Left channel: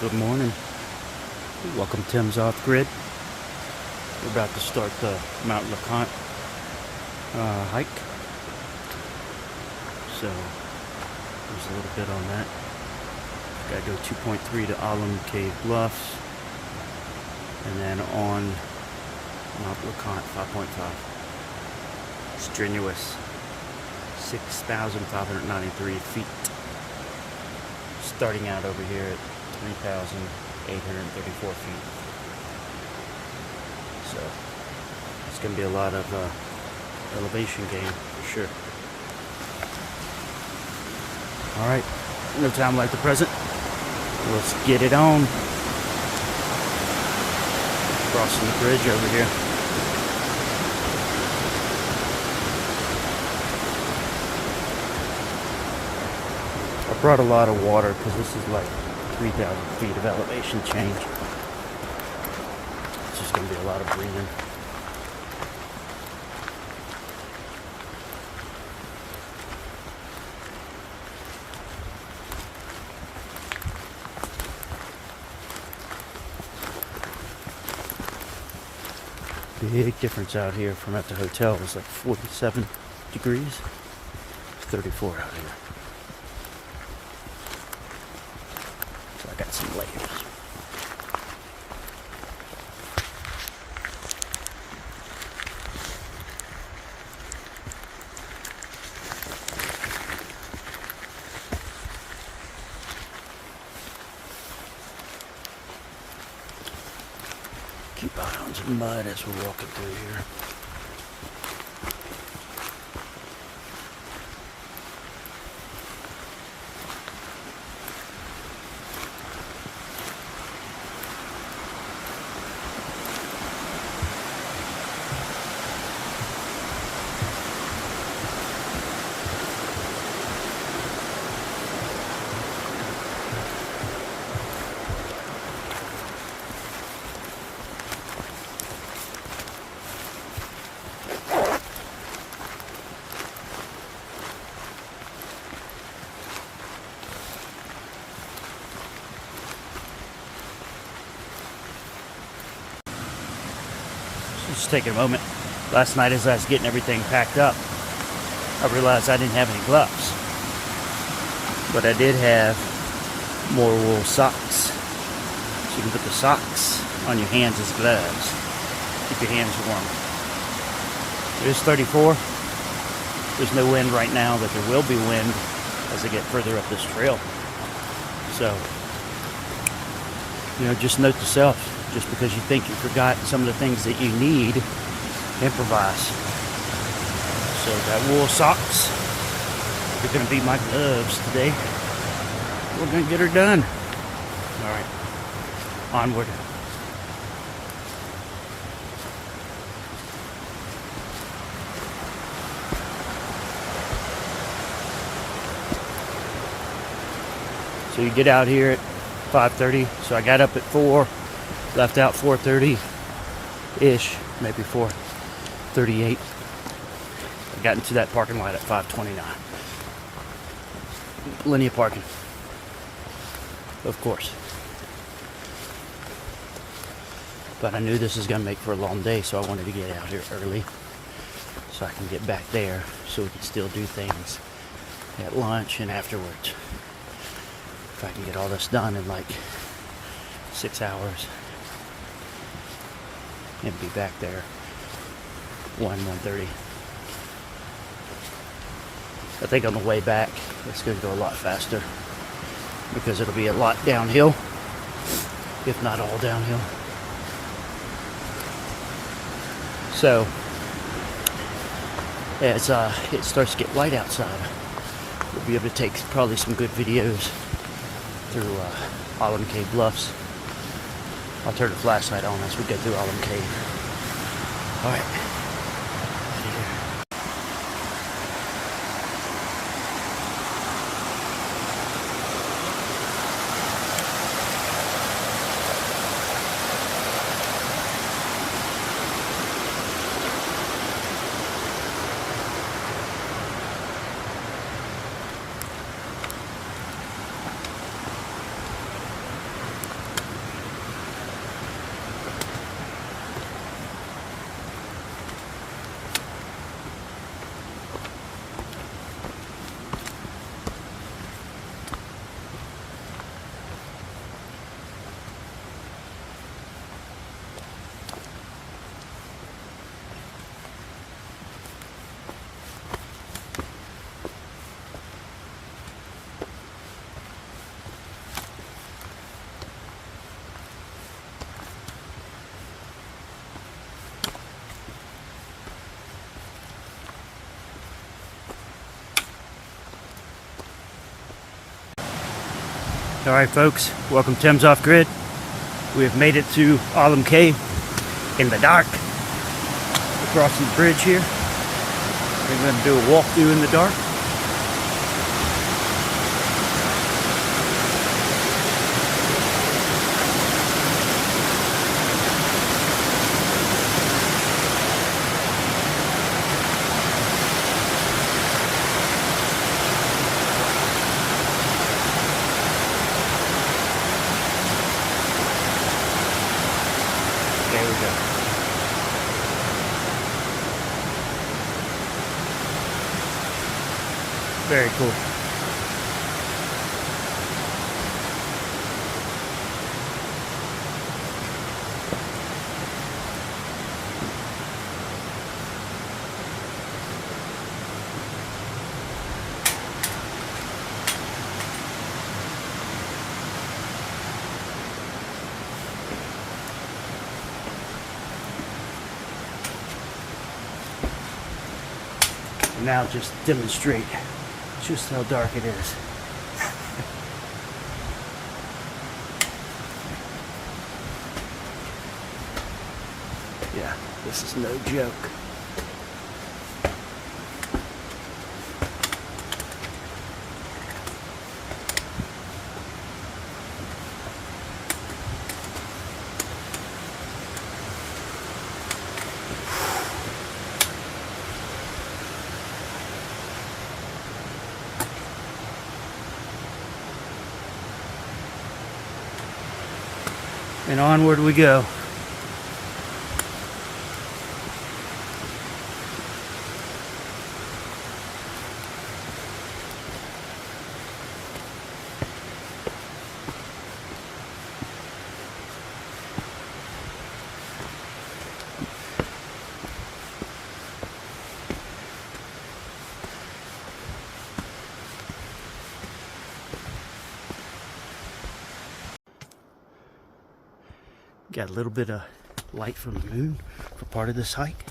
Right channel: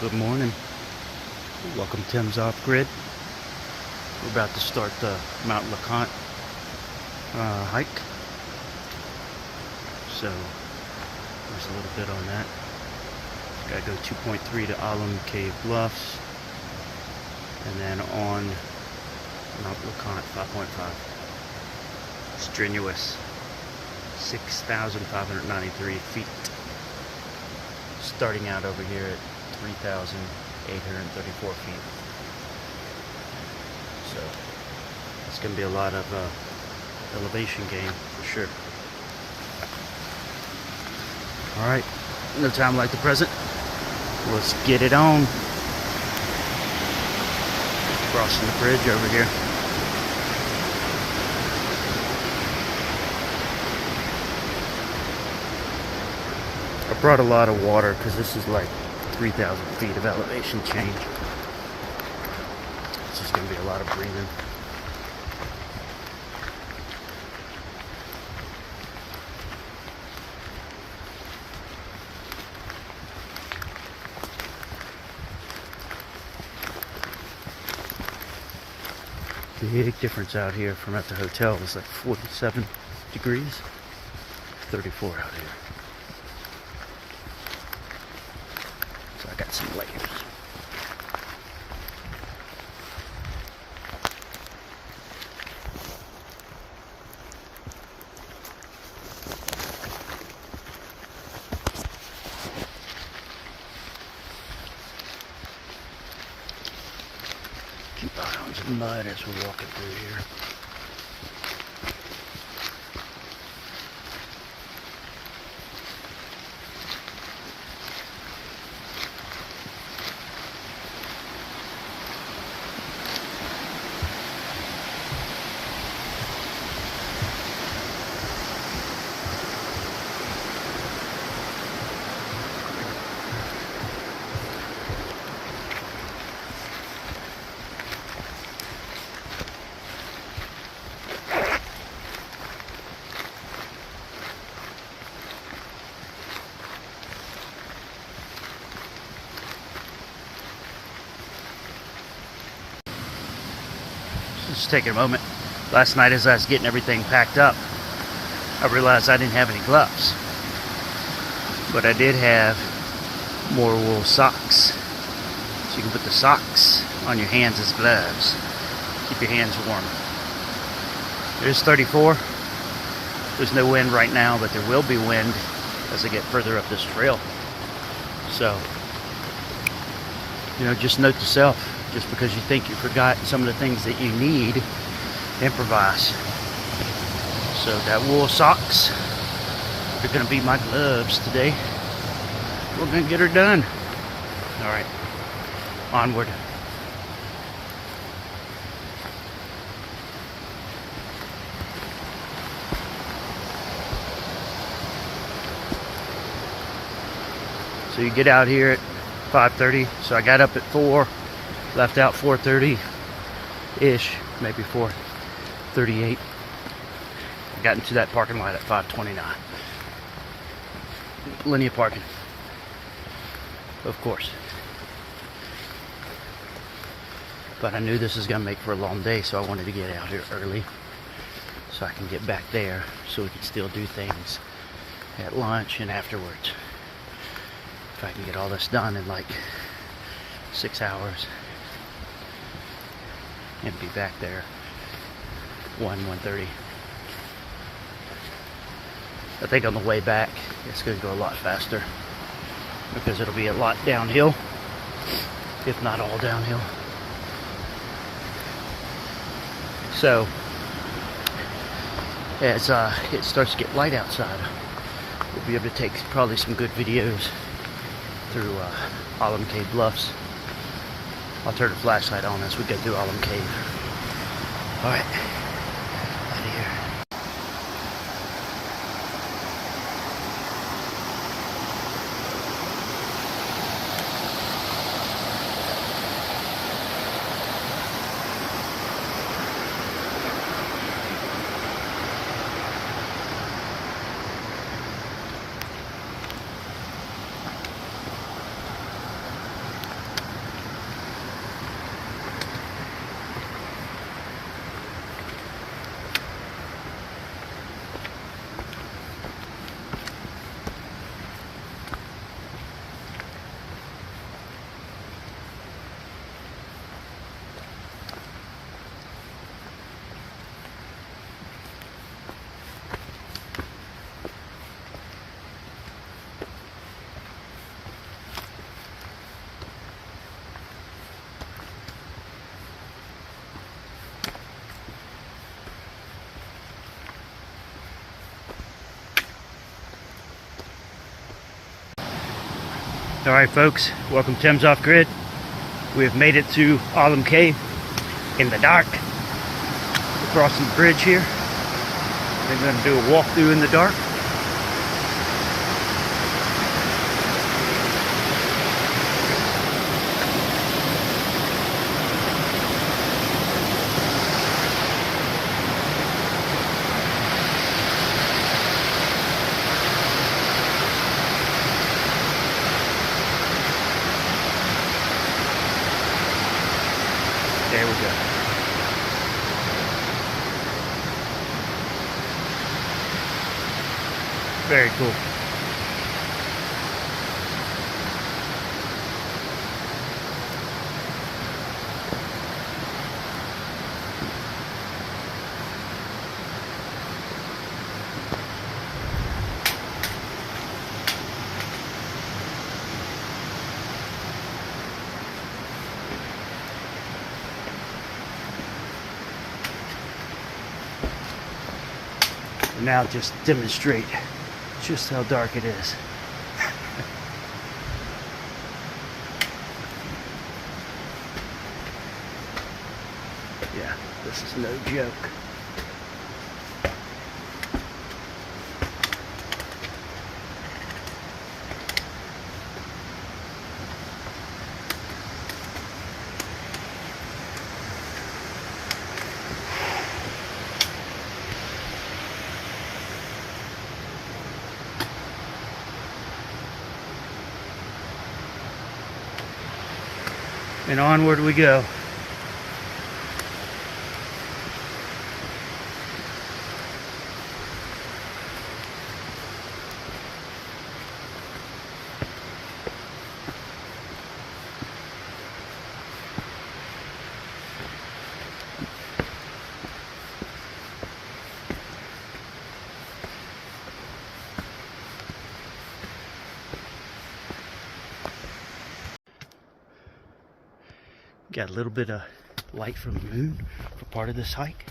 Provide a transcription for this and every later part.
Good morning. Welcome to Tim's Off Grid. We're about to start the Mount LeConte hike. So there's a little bit on that. Gotta go 2.3 to Alum Cave Bluffs, and then on Mount LeConte 5.5. Strenuous 6,593 feet. Starting out over here at 3,834 feet. So it's going to be a lot of elevation gain for sure. Alright, no time like the present. Let's get it on. Crossing the bridge over here. I brought a lot of water because this is like 3,000 feet of elevation change. It's just going to be a lot of breathing. Big difference out here from at the hotel. It was like 47 degrees. 34 out here. So I got some layers. Keep eye on some mud as we're walking through here. Just taking a moment. Last night as I was getting everything packed up, I realized I didn't have any gloves. But I did have more wool socks. So you can put the socks on your hands as gloves. Keep your hands warm. It is 34. There's no wind right now, but there will be wind as I get further up this trail. So, just note to self. Just because you think you forgot some of the things that you need, improvise. So that wool socks, they're going to be my gloves today. We're going to get her done. All right, onward. So you get out here at 5:30. So I got up at 4. Left out 4:30-ish, maybe 4:38. I got into that parking lot at 5:29. Plenty of parking, of course. But I knew this was going to make for a long day, so I wanted to get out here early so I can get back there so we can still do things at lunch and afterwards. If I can get all this done in like 6 hours. And be back there 1:30. I think on the way back it's going to go a lot faster because it'll be a lot downhill, if not all downhill. So as it starts to get light outside, we'll be able to take probably some good videos through Alum Cave Bluffs. I'll turn the flashlight on as we go through Alum Cave. Alright, out of here. Alright folks, welcome to Tim's Off Grid. We have made it to Alum Cave in the dark. We're crossing the bridge here. We're going to do a walkthrough in the dark. There we go. Very cool. And now just demonstrate just how dark it is. Yeah, this is no joke. And onward we go. Got a little bit of light from the moon for part of this hike.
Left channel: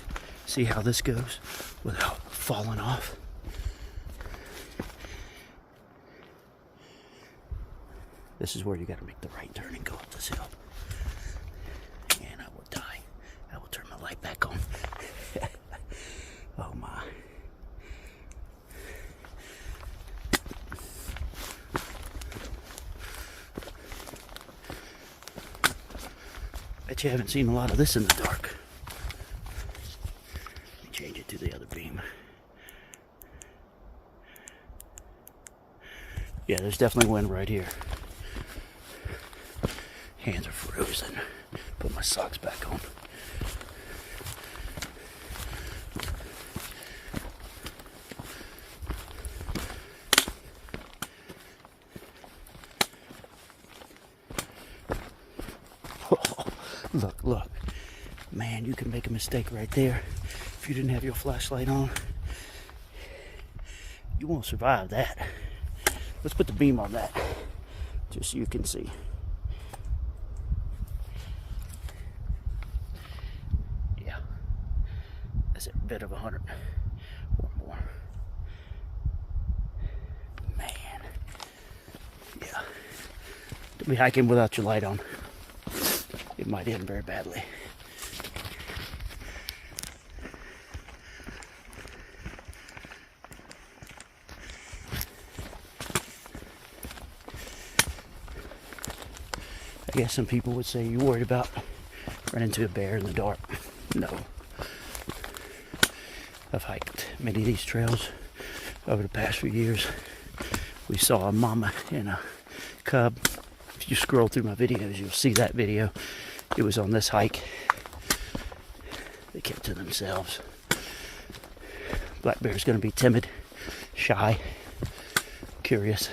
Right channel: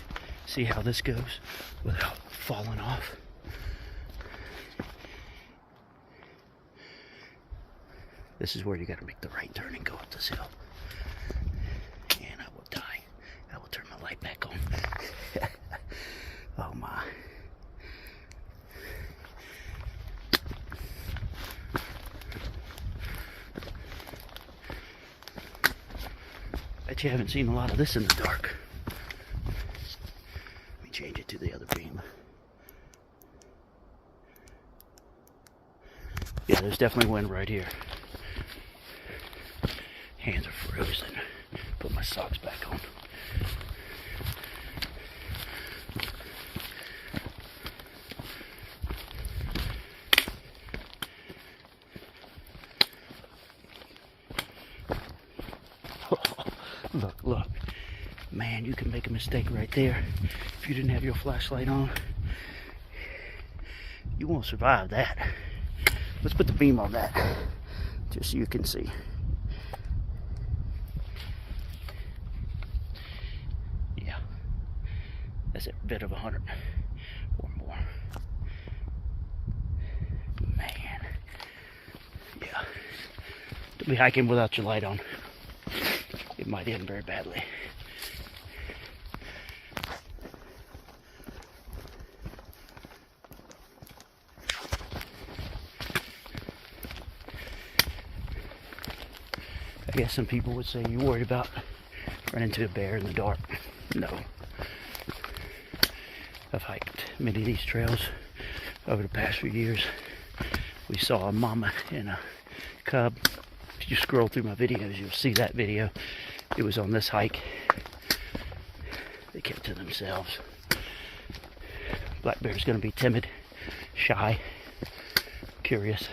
See how this goes without falling off. This is where you got to make the right turn and go up this hill. And I will die. I will turn my light back on. Oh my. Bet you haven't seen a lot of this in the dark. Let me change it to the other beam. Yeah, there's definitely wind right here. Hands are frozen. Put my socks back on. Look, man, you can make a mistake right there. If you didn't have your flashlight on, you won't survive that. Let's put the beam on that, just so you can see. Yeah, that's a bit of 100 or more. Man, yeah. Don't be hiking without your light on. It might end very badly. I guess some people would say you're worried about running into a bear in the dark. No. I've hiked many of these trails over the past few years. We saw a mama and a cub. If you scroll through my videos, you'll see that video. It was on this hike. They kept to themselves. Black bear's going to be timid, shy, curious,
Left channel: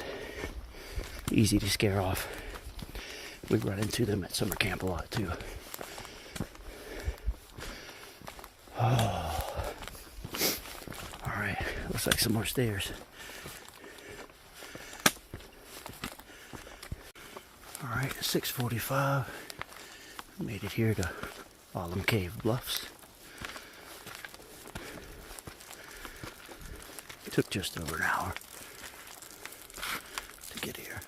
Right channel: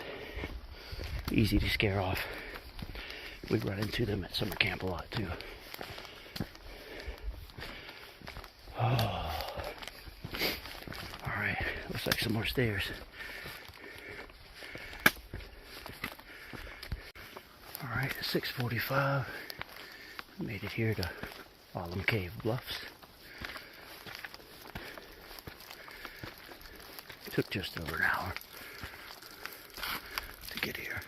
easy to scare off. We run into them at summer camp a lot too. Alright, looks like some more stairs. Alright, 6:45. Made it here to Alum Cave Bluffs. Took just over an hour to get here.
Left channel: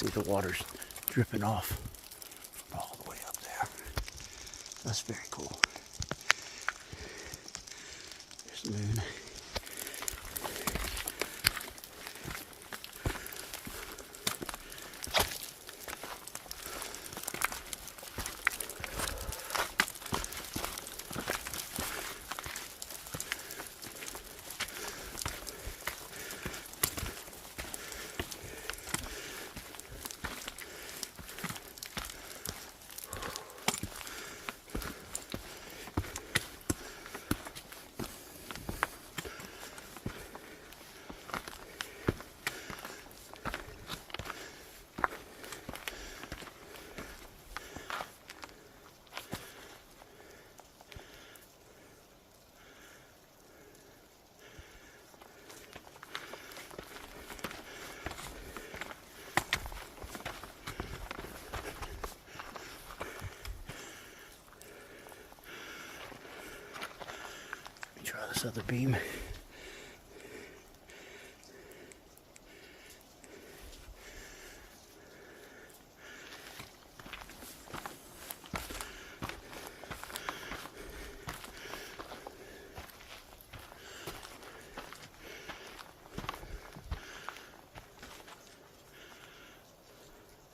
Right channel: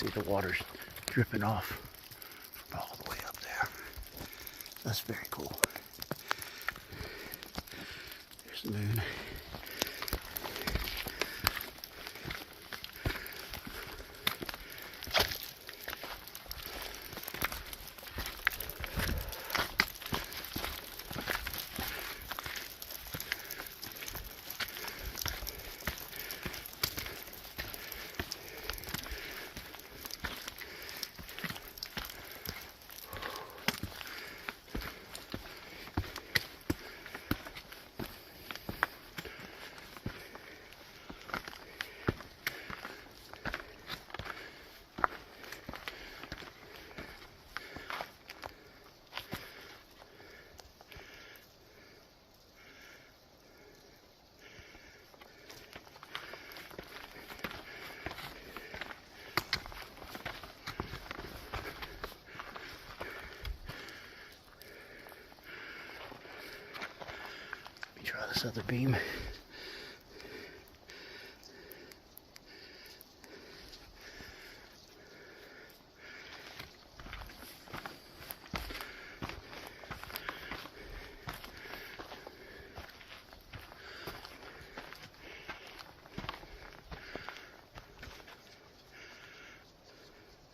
see the water's dripping off from all the way up there. That's very cool. There's the moon. Try this other beam.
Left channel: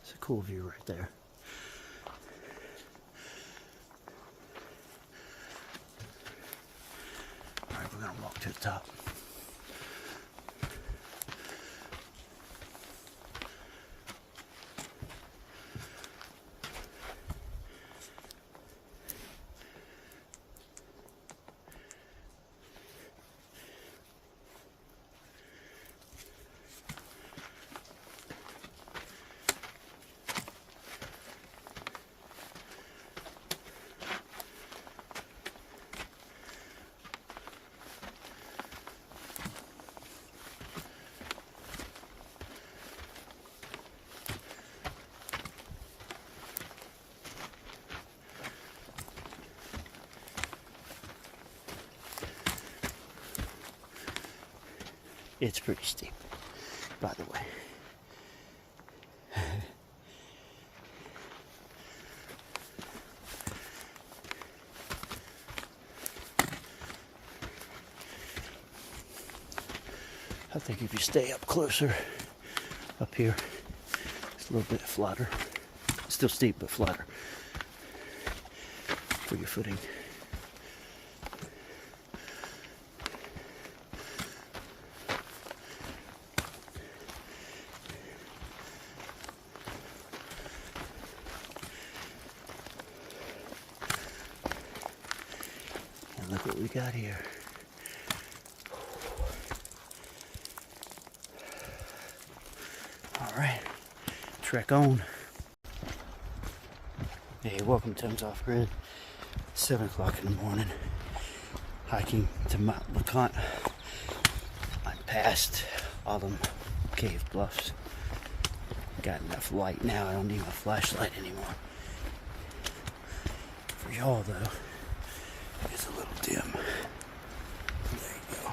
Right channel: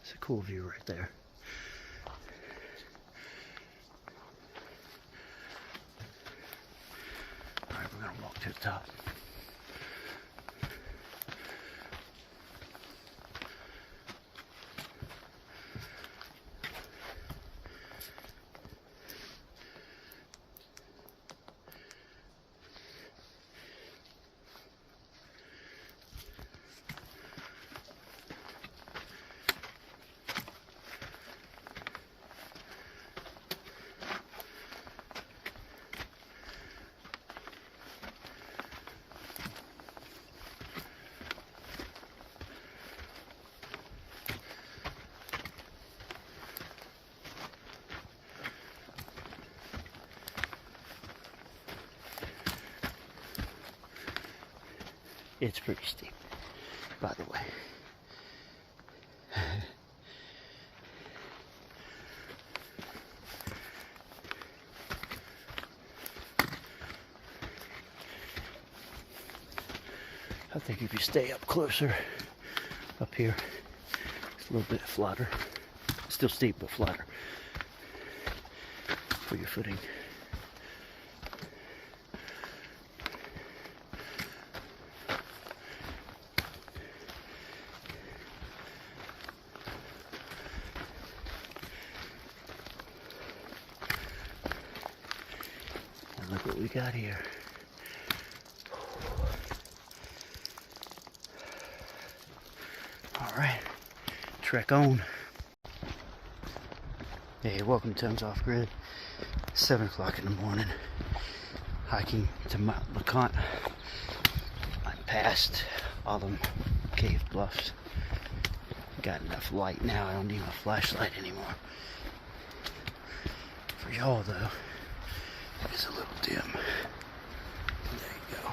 It's a cool view right there. We're going to walk to the top. It's pretty steep, by the way. I think if you stay up closer, up here, it's a little bit flatter. Still steep, but flatter for your footing. Look what we got here. All right, trek on. Hey, welcome to Tons Off Grid. 7 o'clock in the morning. Hiking to Mount LeConte. I'm past Alum Cave Bluffs. Got enough light now. I don't need a flashlight anymore. For y'all though, it's a little dim. There you go.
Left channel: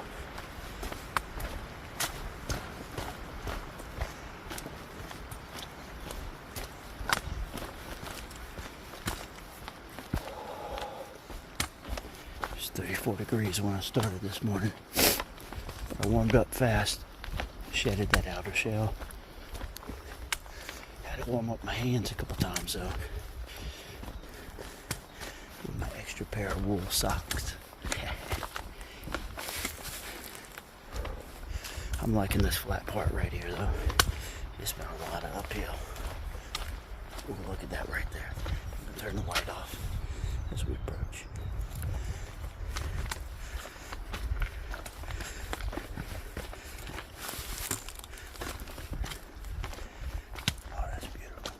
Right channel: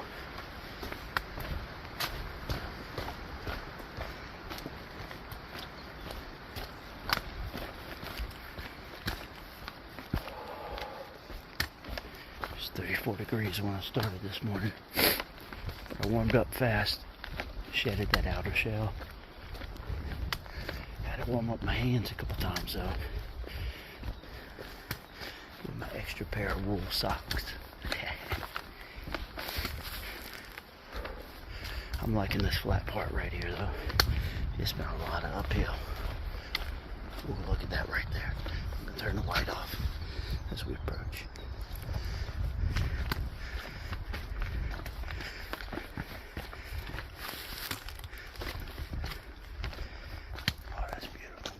It's 34 degrees when I started this morning. I warmed up fast, shedded that outer shell. Had to warm up my hands a couple times though. With my extra pair of wool socks. I'm liking this flat part right here though. It's been a lot of uphill. Ooh, look at that right there. I'm gonna turn the light off as we approach. Oh, that's beautiful.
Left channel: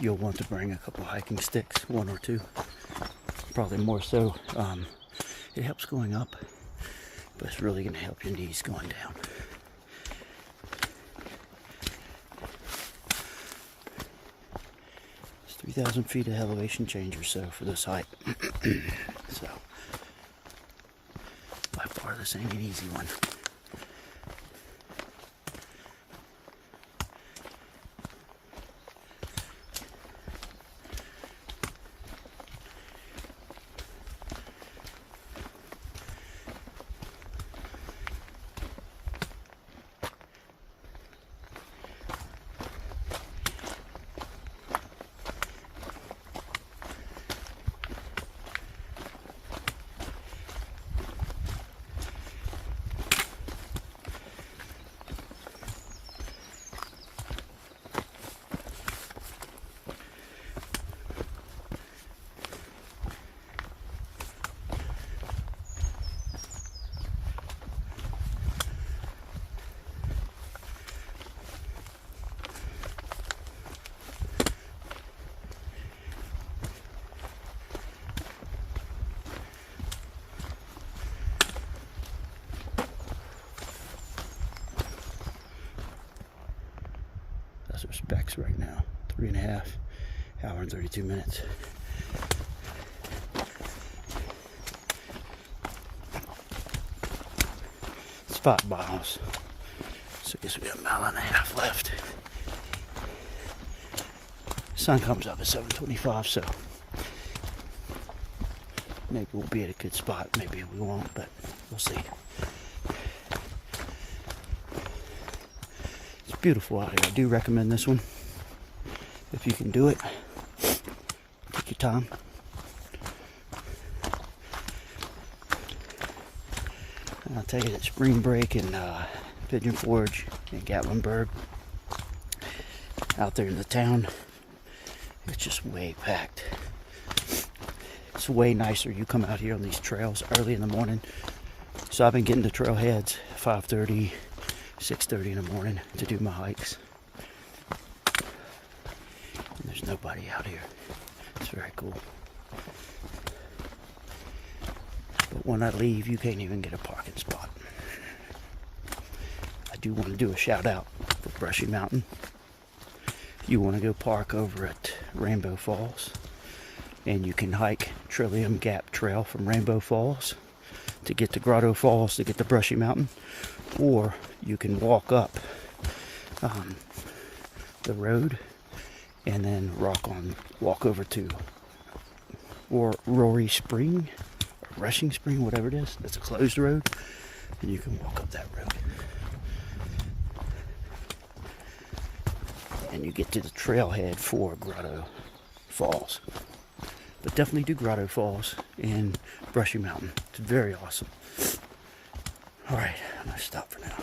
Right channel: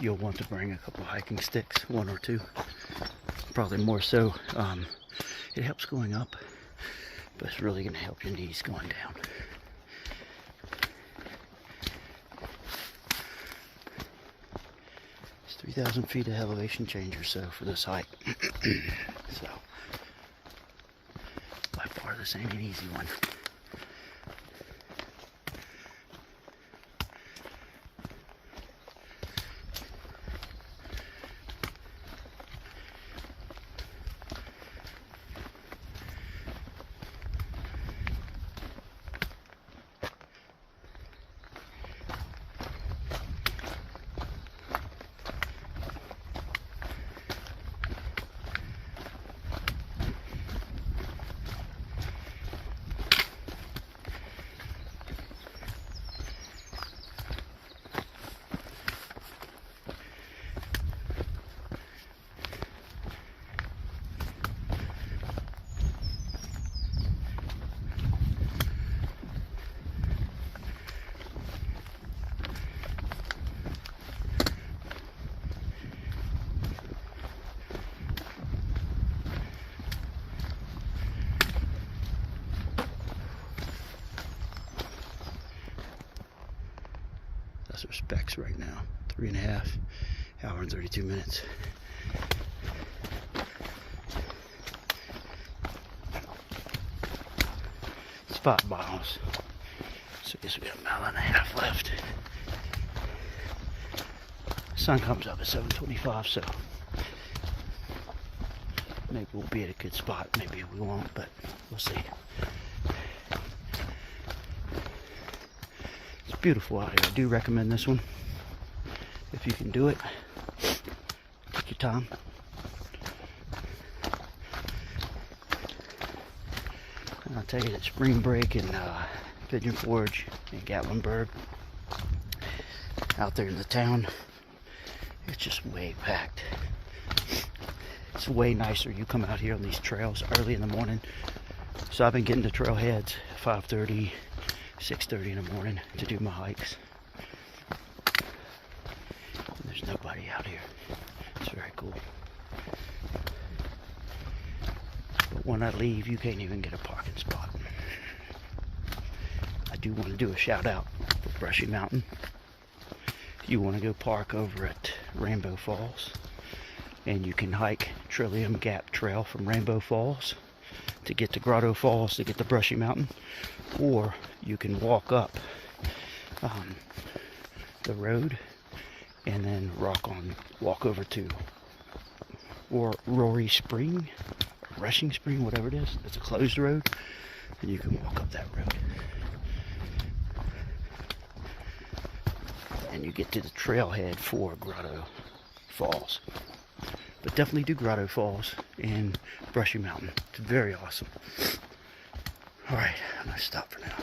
you'll want to bring a couple hiking sticks, one or two, probably more so. It helps going up, but it's really going to help your knees going down. It's 3,000 feet of elevation change or so for this hike. So, by far this ain't an easy one. That's our specs right now. 3.5 hours and 32 minutes. Spot bottles. So I guess we got a mile and a half left. Sun comes up at 7:25, so maybe we'll be at a good spot. Maybe we won't, but we'll see. It's beautiful out here. I do recommend this one. If you can do it, take your time. I'll tell you that Spring Break and Pigeon Forge and Gatlinburg out there in the town, it's just way packed. It's way nicer. You come out here on these trails early in the morning. So I've been getting to trailheads 5:30, 6:30 in the morning to do my hikes. And there's nobody out here. It's very cool. But when I leave, you can't even get a parking spot. I do want to do a shout out for Brushy Mountain. If you want to go park over at Rainbow Falls, and you can hike Trillium Gap Trail from Rainbow Falls to get to Grotto Falls to get to Brushy Mountain, or you can walk up the road and then walk over to Rory Spring, or Rushing Spring, whatever it is. It's a closed road, and you can walk up that road. And you get to the trailhead for Grotto Falls. But definitely do Grotto Falls and Brushy Mountain. It's very awesome. Alright, I'm going to stop for now.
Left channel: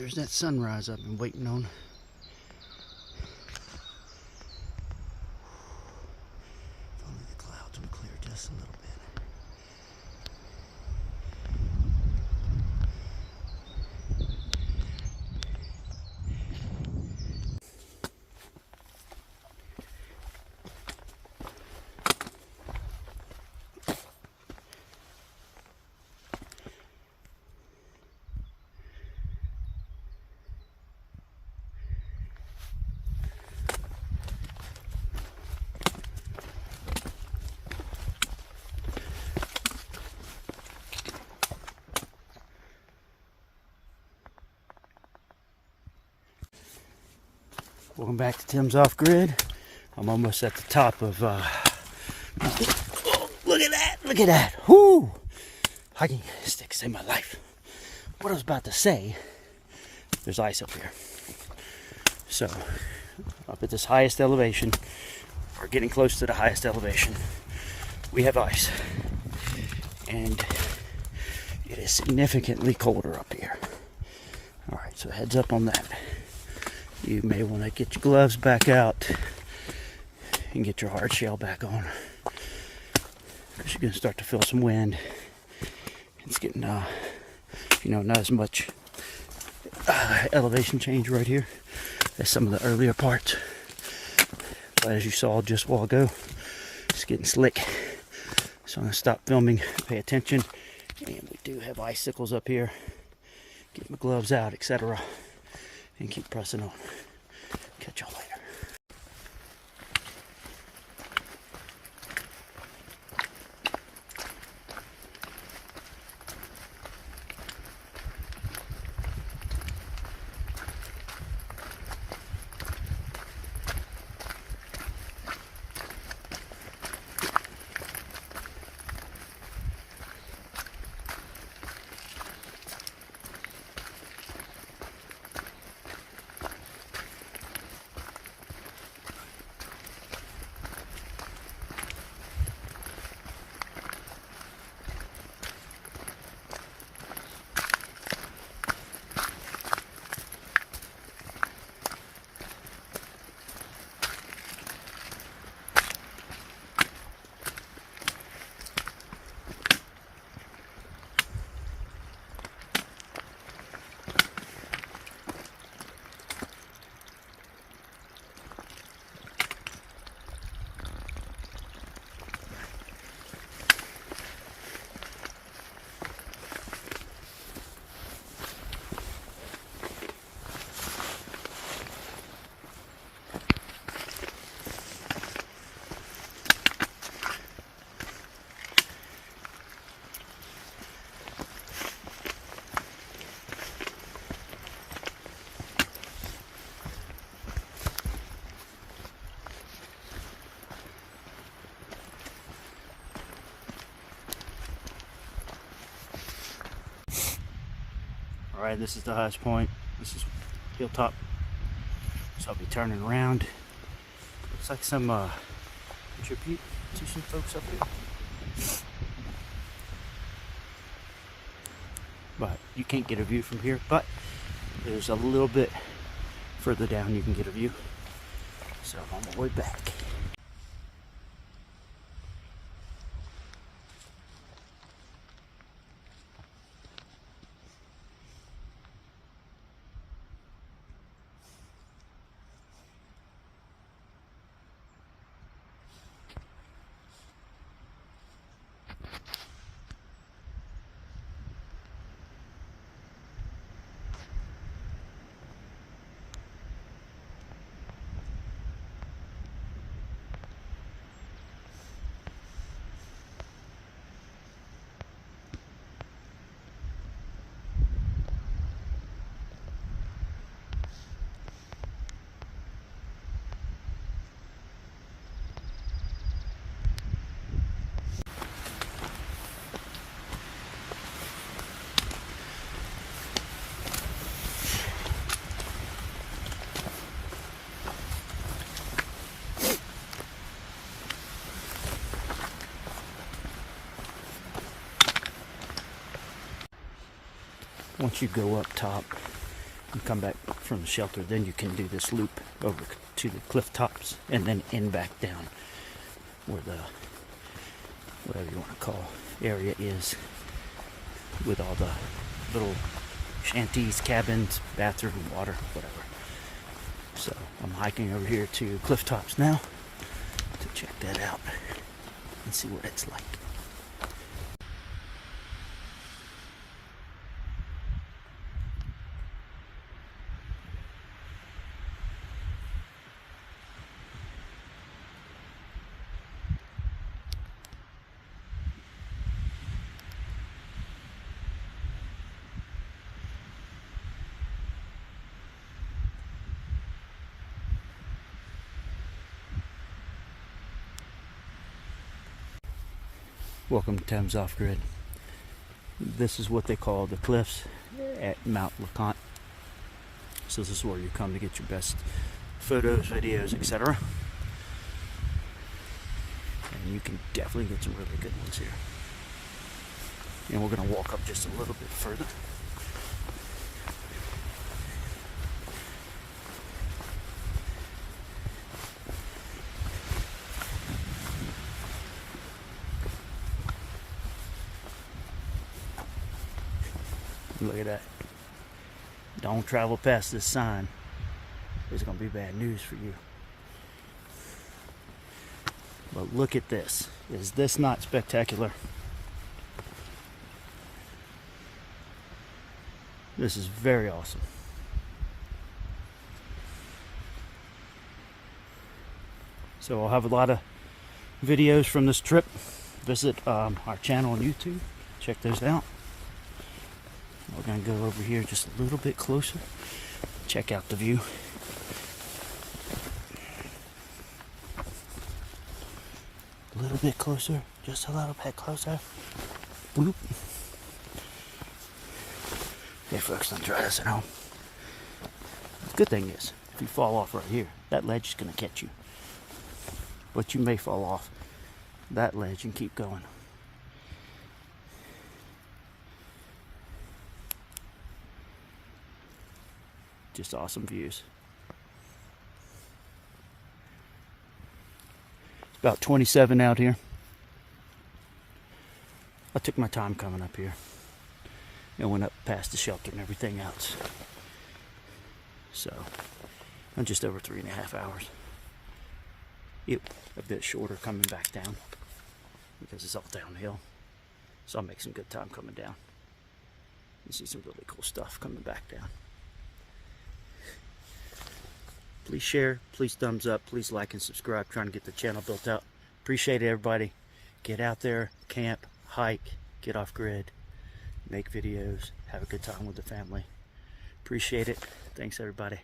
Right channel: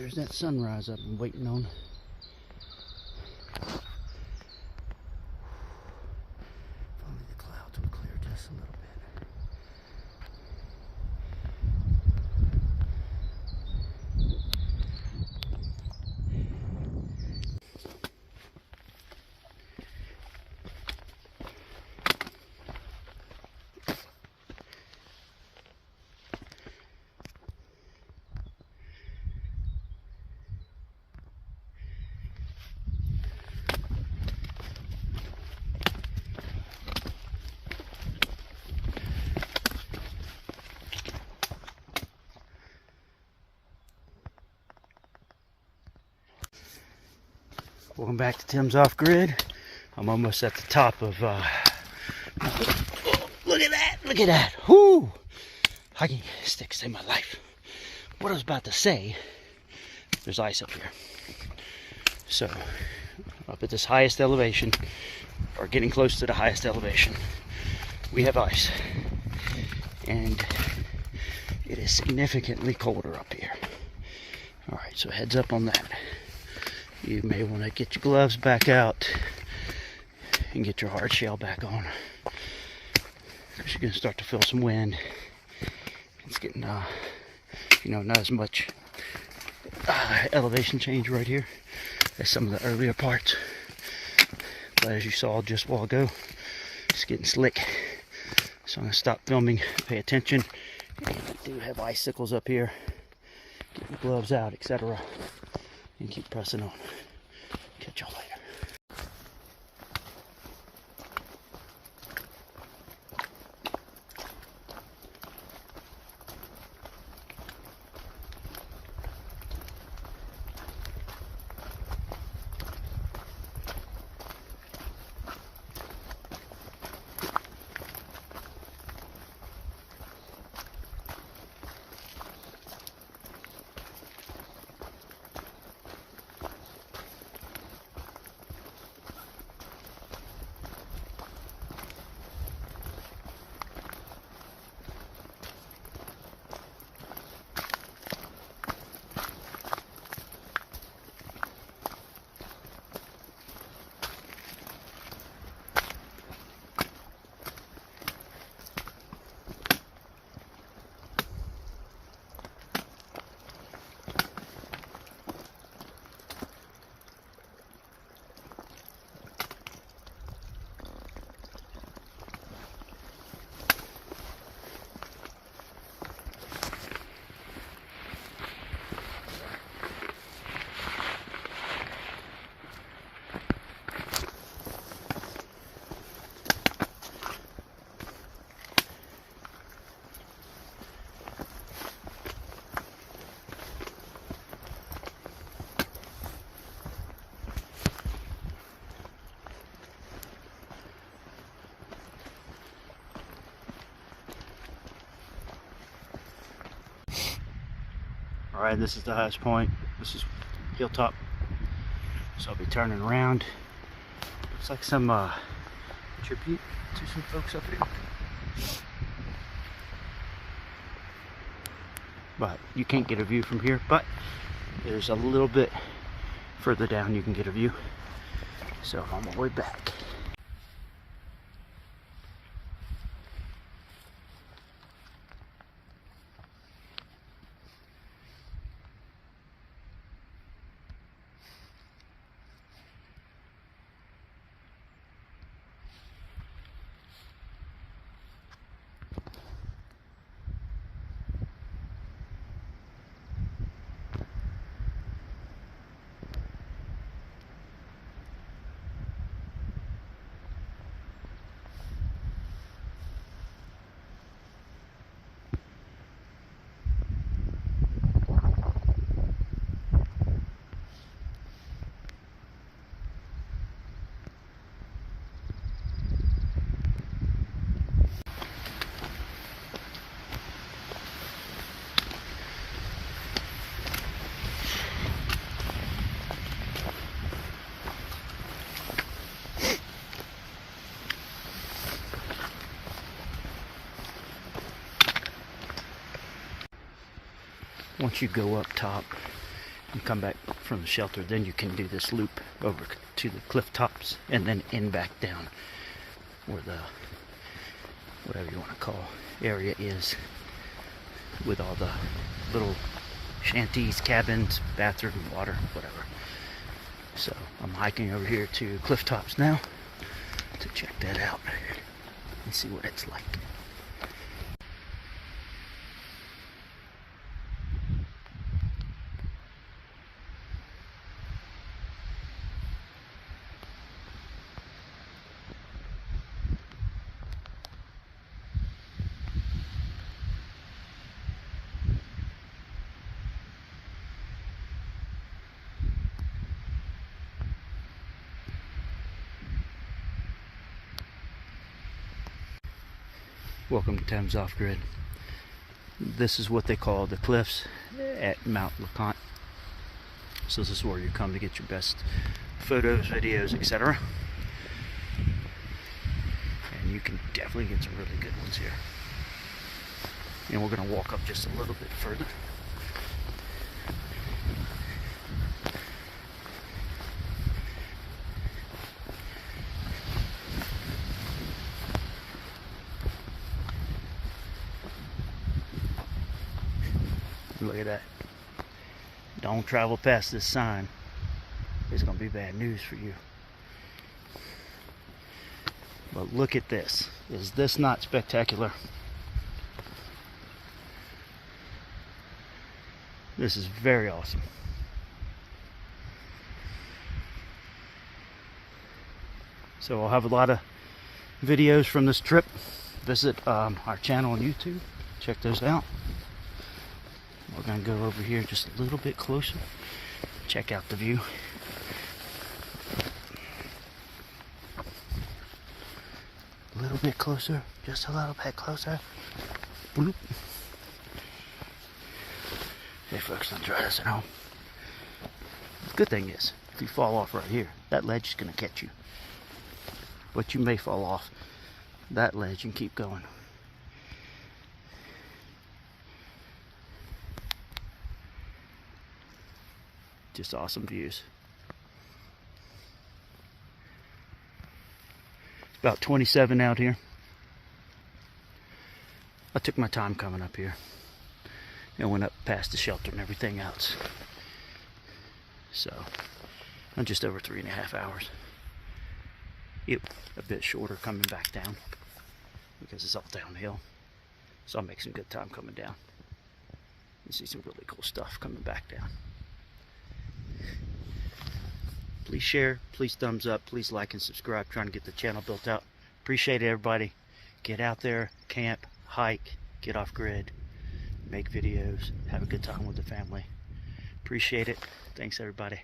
There's that sunrise I've been waiting on. If only the clouds would clear just a little bit. Welcome back to Tim's Off Grid. I'm almost at the top of, look at that, look at that. Whoo! Hiking sticks in my life. What I was about to say, there's ice up here. So, up at this highest elevation, or getting close to the highest elevation, we have ice. And it is significantly colder up here. Alright, so heads up on that. You may want to get your gloves back out and get your hard shell back on, because you're going to start to feel some wind. It's getting, not as much elevation change right here as some of the earlier parts. But as you saw just a while ago, it's getting slick. So I'm going to stop filming, pay attention. And I do have icicles up here. Get my gloves out, etc. And keep pressing on. Catch y'all later. Alright, this is the highest point. This is hilltop. So I'll be turning around. Looks like some tribute to some folks up here. But you can't get a view from here, but there's a little bit further down you can get a view. So I'm on my way back. Once you go up top, and come back from the shelter. Then you can do this loop over to the cliff tops and then in back down where the, whatever you want to call, area is, with all the little shanties, cabins, bathroom, water, whatever. So I'm hiking over here to cliff tops now to check that out and see what it's like. Welcome to Thames Off Grid. This is what they call the cliffs at Mount LeConte. So this is where you come to get your best photos, videos, etc. And you can definitely get some really good ones here. And we're going to walk up this a little bit further. Look at that. Don't travel past this sign. There's going to be bad news for you. But look at this. Is this not spectacular? This is very awesome. So I'll have a lot of videos from this trip. Visit our channel on YouTube. Check those out. We're going to go over here just a little bit closer. Check out the view. A little bit closer. Just a little bit closer. Bloop. Hey folks, don't try this at home. The good thing is, if you fall off right here, that ledge is going to catch you. But you may fall off that ledge and keep going. Just awesome views. About 27 out here. I took my time coming up here. And went up past the shelter and everything else. So I'm just over 3.5 hours. Yep, a bit shorter coming back down because it's all downhill. So I'll make some good time coming down. You see some really cool stuff coming back down. Please share, please thumbs up, please like and subscribe. Trying to get the channel built out. Appreciate it, everybody. Get out there, camp, hike, get off grid, make videos, have a good time with the family. Appreciate it. Thanks, everybody.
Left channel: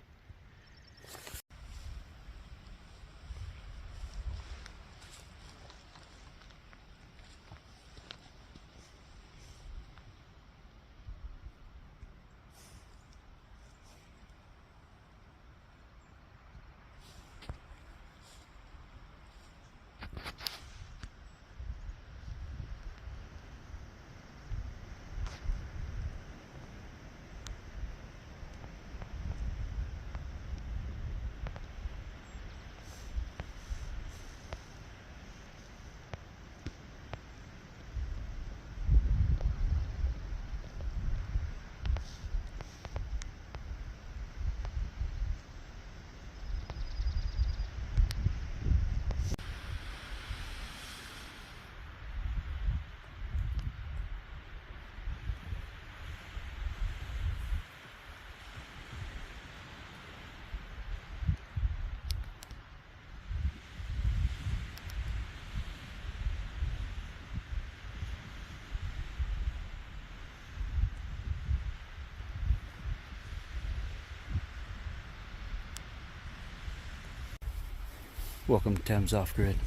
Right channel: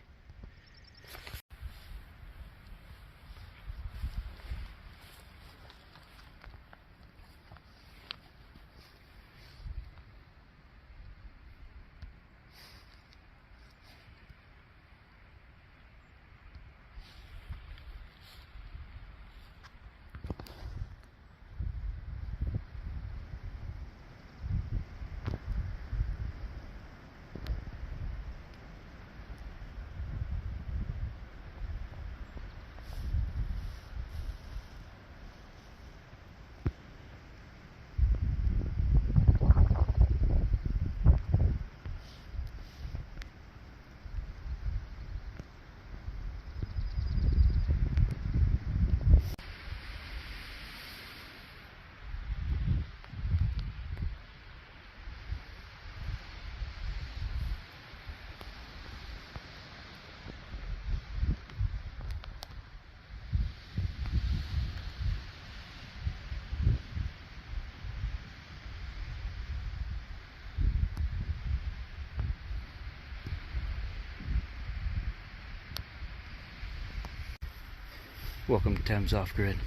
Welcome to Thames Off Grid.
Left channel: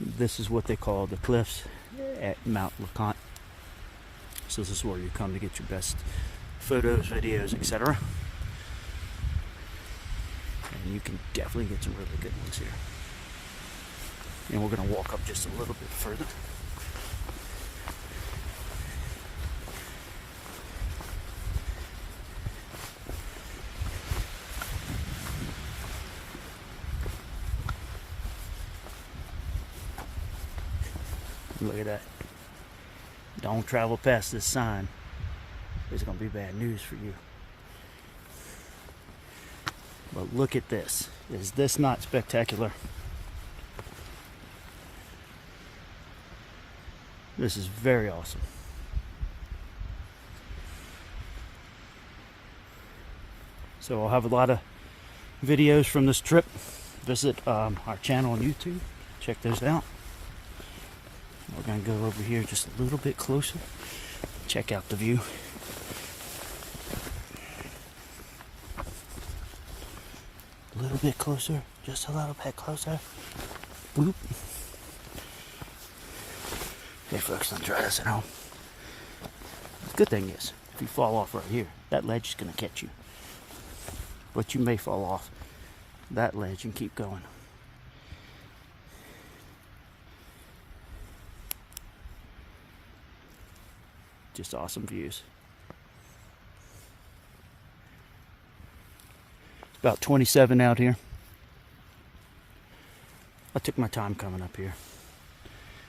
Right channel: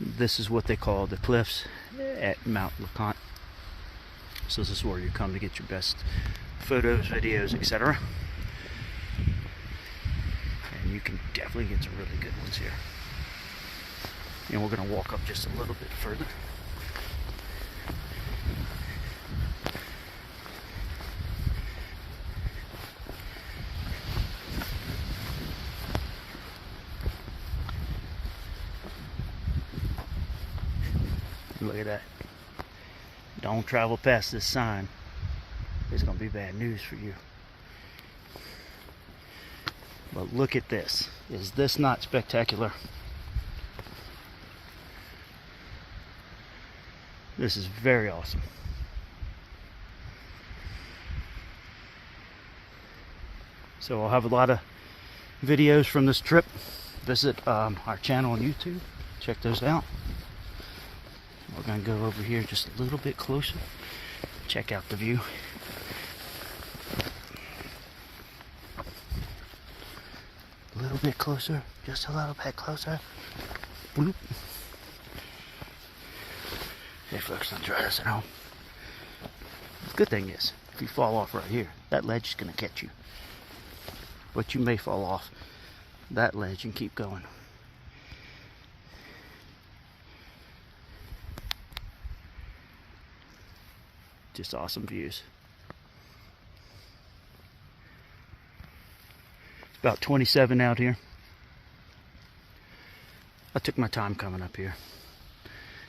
This is what they call the cliffs at Mount LeConte. So this is where you come to get your best photos, videos, etc. And you can definitely get some really good ones here. And we're going to walk up this a little bit further. Look at that. Don't travel past this sign. It's going to be bad news for you. But look at this. Is this not spectacular? This is very awesome. So I'll have a lot of videos from this trip. Visit our channel on YouTube. Check those out. We're going to go over here just a little bit closer. Check out the view. A little bit closer. Just a little bit closer. Boop. Okay, folks, don't try this at home. The good thing is, if you fall off right here, that ledge is going to catch you. But you may fall off that ledge and keep going. Just awesome views. About 27 out here. I took my time coming up here.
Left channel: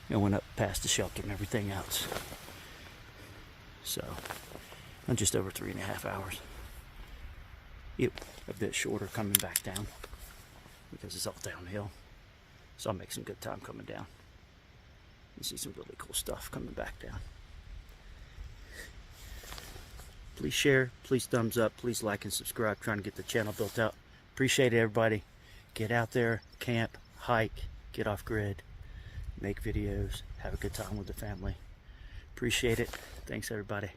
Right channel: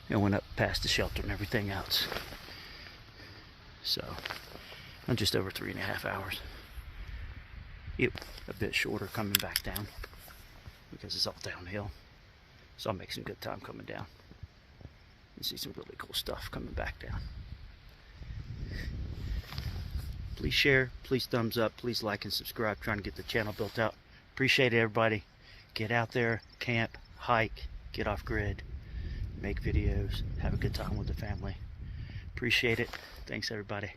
I went up past the shelter and everything else. So, I'm just over 3.5 hours. Yep, a bit shorter coming back down because it's all downhill. So I'll make some good time coming down. You see some really cool stuff coming back down. Please share, please thumbs up, please like and subscribe. Trying to get the channel built out. Appreciate it, everybody. Get out there, camp, hike, get off grid, make videos, have a good time with the family. Appreciate it. Thanks, everybody.